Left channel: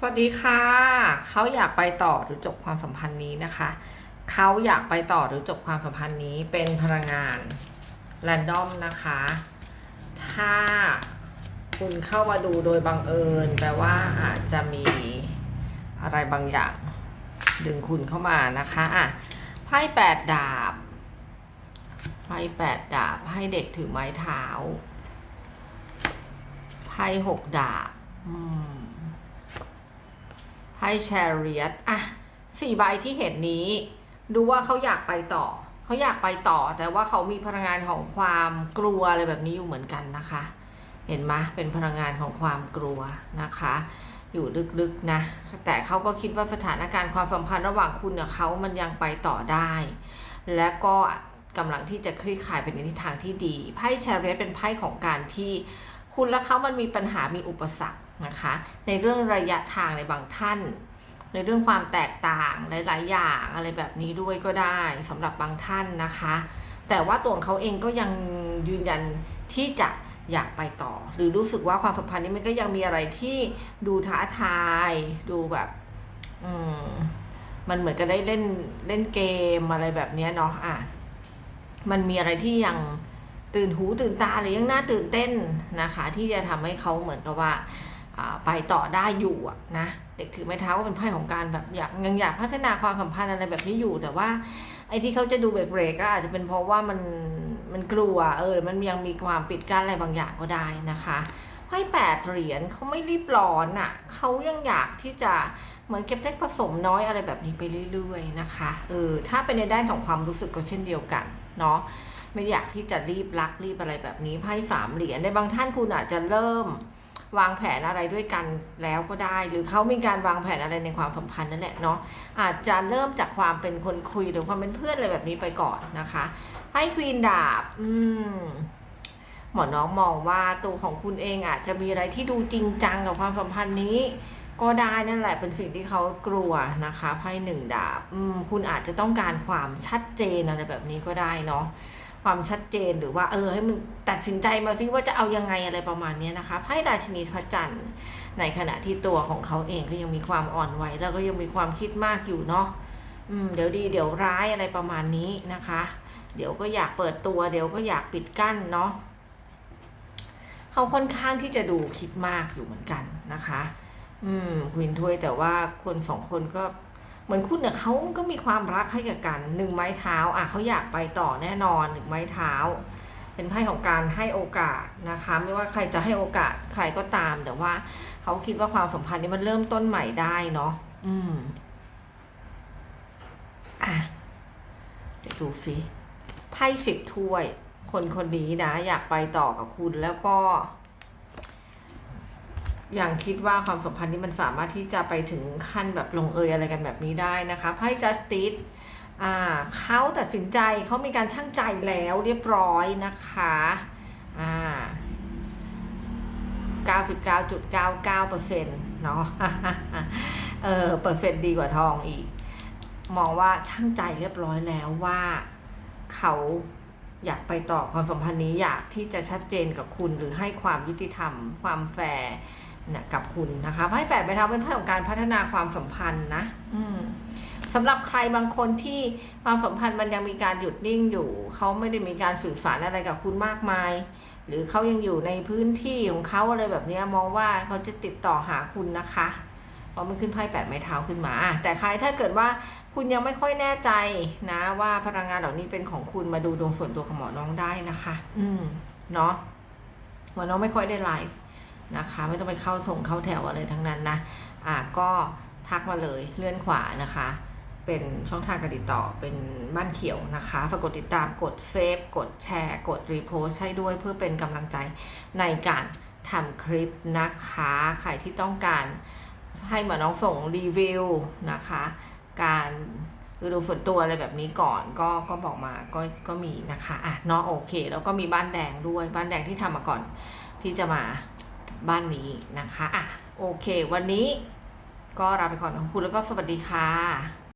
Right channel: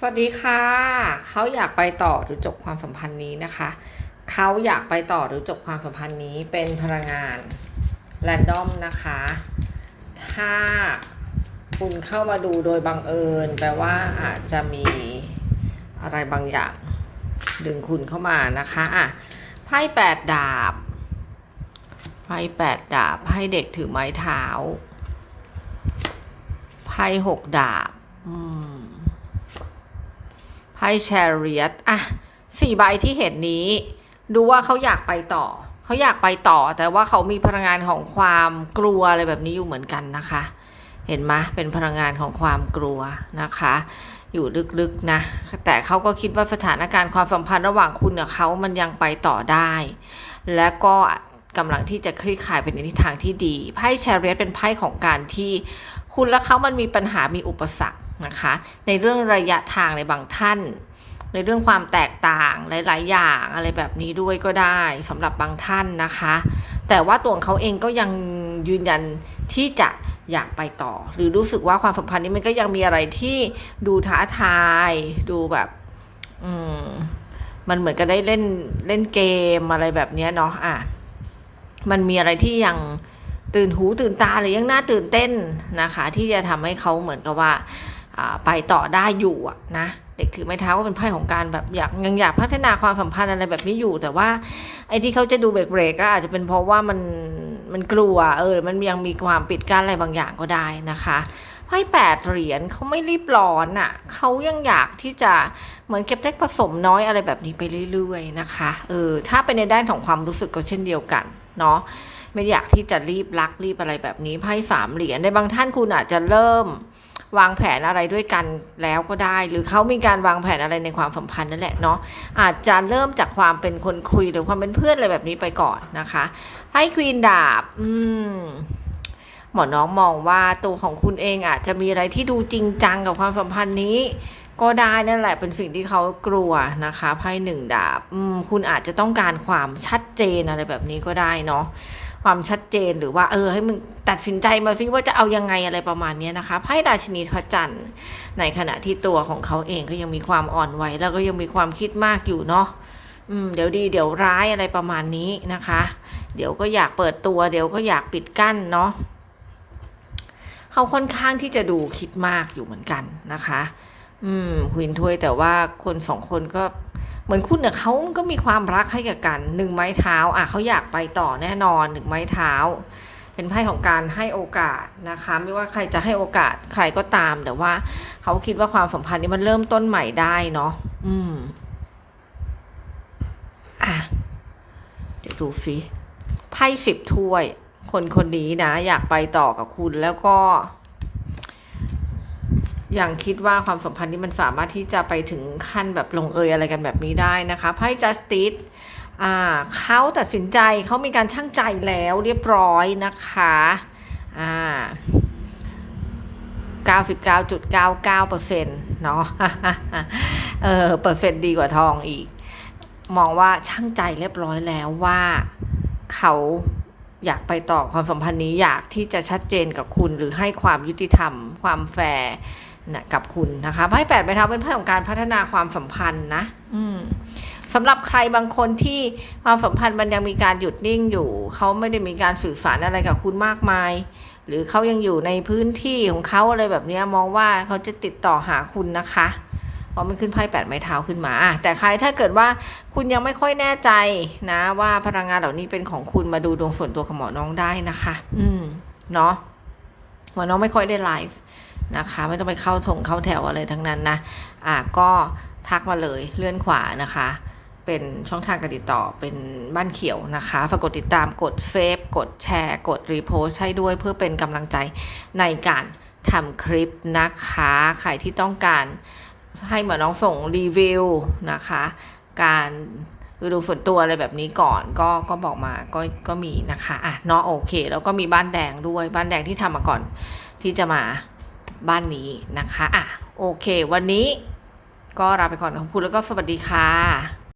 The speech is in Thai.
สวัสดีค่ะ เขาอยากไปต่อหรือจบความสัมพันธ์นี้นะคะ เขาอยากไปต่อหรือจบความสัมพันธ์นี้เป็นพลังงานแรนดอมนะคะ ถ้าคุณเข้ามาดูโดยบังเอิญแปลว่าอาจจะมีอะไรบางอย่าง ดึงคุณเข้ามานะคะอะไพ่แปดดาบไพ่แปดดาบไพ่เด็กถือไม้เท้าไพ่หกดาบ อืม ไพ่แชเรียตอะสี่ใบที่เห็นนี้ ดูว่าเขาอยากไปต่อ เขาอยากไปต่อ แต่ว่าเขามีพลังงานของความกลัวอะไรแบบนี้อยู่เหมือนกันนะคะ เห็นไหมเป็นพลังงานของความกลัวนะคะ อยู่ลึกๆนะ แต่เขาก็คิดว่าสถานการณ์ความสัมพันธ์ระหว่างคุณกับเขามันยังไปต่อได้ และก็กำลังที่จะคลี่คลายเป็นในทิศทางที่ดี ไพ่แชเรียตเป็นไพ่ของการที่คุณและเขามันมีปัญหามีอุปสรรค นะคะ ในเรื่องระยะทางในบางท่าน ในเรื่องความแตกต่างหลาย ๆ อย่างอะไรแบบนี้ด้วยก็ได้สำหรับบางท่านนะคะ แต่ว่าตัวของเขาเองก็ยังยืนยันที่จะอยากไปต่อ หรือรู้สึกว่าความสัมพันธ์นี้มันก็ยังมีอะไรที่ดูท้าทาย ดูแบบ อืมมันเหมือนกับได้เล่นเล่นเกมอะไรแบบนี้เนาะอะมันมีอะไรที่ยังตื่นหูตื่นตาหรือยังน่าตื่นเต้นนะคะ ที่จะทำให้เขาเหมือนกับว่า ไปต่อได้อยู่นะเด็กถือไม้เท้าก็เป็นไพ่ของการแบบอยากยังอยากพัฒนาความสัมพันธ์อะไรแบบนี้อยู่ แต่ว่าไอ้ที่เขาจะดูเบรกๆก็อาจจะเป็นเพราะว่ามันมันกลัวเออมันยังมีความปิดกั้นอะไรบางอย่างก็ได้นะคะไพ่แปดเหรียญเขาไม่รีบร้อนอะ่ะเขายังอยากที่จะเหมือนเก็บเล็กผสมน้อยอะไรแบบนี้ไปเรื่อยๆนะคะเออถ้าเป็นในด้านของความรู้สึกก็เช่นเดียวกันเนาะไม่อยากที่จะรีบรักรีบอะไรแบบนี้ไพ่สามเหรียญในบางท่านคุณอาจจะเริ่ม วางแผนอะไรด้วยกันแล้วก็ได้ หรือเขามีการวางแผนอะไรในความสัมพันธ์นั่นแหละเนาะอาจจะเริ่มจากความเป็นคนคุยหรือความเป็นเพื่อนอะไรแบบนี้ไปก่อนนะคะไพ่ควีนดาบ อืมหมอน้องมองว่าตัวของคุณเองอาจจะมีอะไรที่ดูจริงจังกับความสัมพันธ์นี้ ก็ได้นั่นแหละเป็นสิ่งที่เขากลัวนะคะไพ่หนึ่งดาบ อืมคุณอาจจะต้องการความชัดเจนอะไรแบบนี้ก็ได้เนาะ ความชัดเจนหรือว่าเออให้มึงตัดสินใจมาซิว่าจะเอายังไงอะไรประมาณนี้นะคะไพ่ราชินีพระจันทร์ในขณะที่ตัวของเขาเองก็ยังมีความอ่อนไหวแล้วก็ยังมีความคิดมากอยู่เนาะอืมเดี๋ยวดีเดี๋ยวร้ายอะไรประมาณนี้นะคะ เดี๋ยวก็อยากเปิดตัว เดี๋ยวก็อยากปิดกั้นเนาะเขาค่อนข้างที่จะดูคิดมากอยู่เหมือนกันนะคะ อืมหวินถ้วยแต่ว่าคนสองคนก็ เหมือนคุณเนี่ยเขาก็มีความรักให้กับกันหนึ่งไม้เท้าอะเขาอยากไปต่อแน่นอนหนึ่งไม้เท้า เป็นไพ่ของการให้โอกาสนะคะ ไม่ว่าใครจะให้โอกาสใครก็ตามแต่ว่าเขาคิดว่าความสัมพันธ์นี้มันเริ่มต้นใหม่ได้เนาะอืมอะเดี๋ยวดูสิไพ่สิบถ้วย คนคนนี้นะ อยากไปต่อกับคุณแล้วก็ ย่างคิดว่าความสัมพันธ์นี้มันสามารถที่จะไปถึงขั้นแบบลงเอยอะไรกันแบบนี้ได้นะคะไพ่ justice อ่าเขาตัดสินใจเขามีการช่างใจแล้วเรียบร้อยนะคะอ่า99.99%เนาะเออเปอร์เซ็นต์ดีกว่าทองอีก มองว่าช่างใจเรียบร้อยแล้วว่าเขาอยากไปต่อความสัมพันธ์นี้อยากที่จะชัดเจนกับคุณหรือให้ความยุติธรรม ความแฟร์ นะกับคุณนะคะไพ่แปดใบเท้าเป็นไพ่ของการพัฒนาความสัมพันธ์นะ อืมสำหรับใครบางคนที่ความสัมพันธ์มันยังมีการหยุดนิ่งอยู่ เขาไม่ได้มีการสื่อสารอะไรกับคุณมากมาย หรือเขายังอยู่ในพื้นที่ของเขาอะไรแบบนี้มองว่าเขาจะติดต่อหาคุณนะคะเพราะมันขึ้นไพ่แปดไม้เท้าขึ้นมา แต่ใครถ้าเกิดว่าคุณยังไม่ค่อยแน่ใจนะ ว่าพลังงานเหล่านี้เป็นของคุณมาดูดวงส่วนตัวของหมอน้องได้นะคะ อืมเนาะหมอน้องไม่ค่อยได้ไลฟ์ นะคะ ไม่ต้องไปเข้าถงเข้าแถวอะไรทั้งนั้นนะอะก็ทักมาเลยเลื่อนขวานะคะ เป็นช่องทางการติดต่อเป็นบ้านเขียวนะคะฝากกดติดตามกดเซฟกดแชร์ กดรีโพสให้ด้วยเพื่อเป็นกำลังใจในการทำคลิปนะคะ ใครที่ต้องการให้หมอน้องส่งรีวิวนะคะ การดูส่วนตัวอะไรแบบนี้ก่อนก็ก็บอกมาก็ก็มีนะคะอะเนาะโอเค แล้วก็มีบ้านแดงด้วยบ้านแดงที่ทำมาก่อนที่จะมา บ้านนี้นะคะอะโอเค วันนี้ก็ลาไปก่อนขอบคุณแล้วก็สวัสดีค่ะ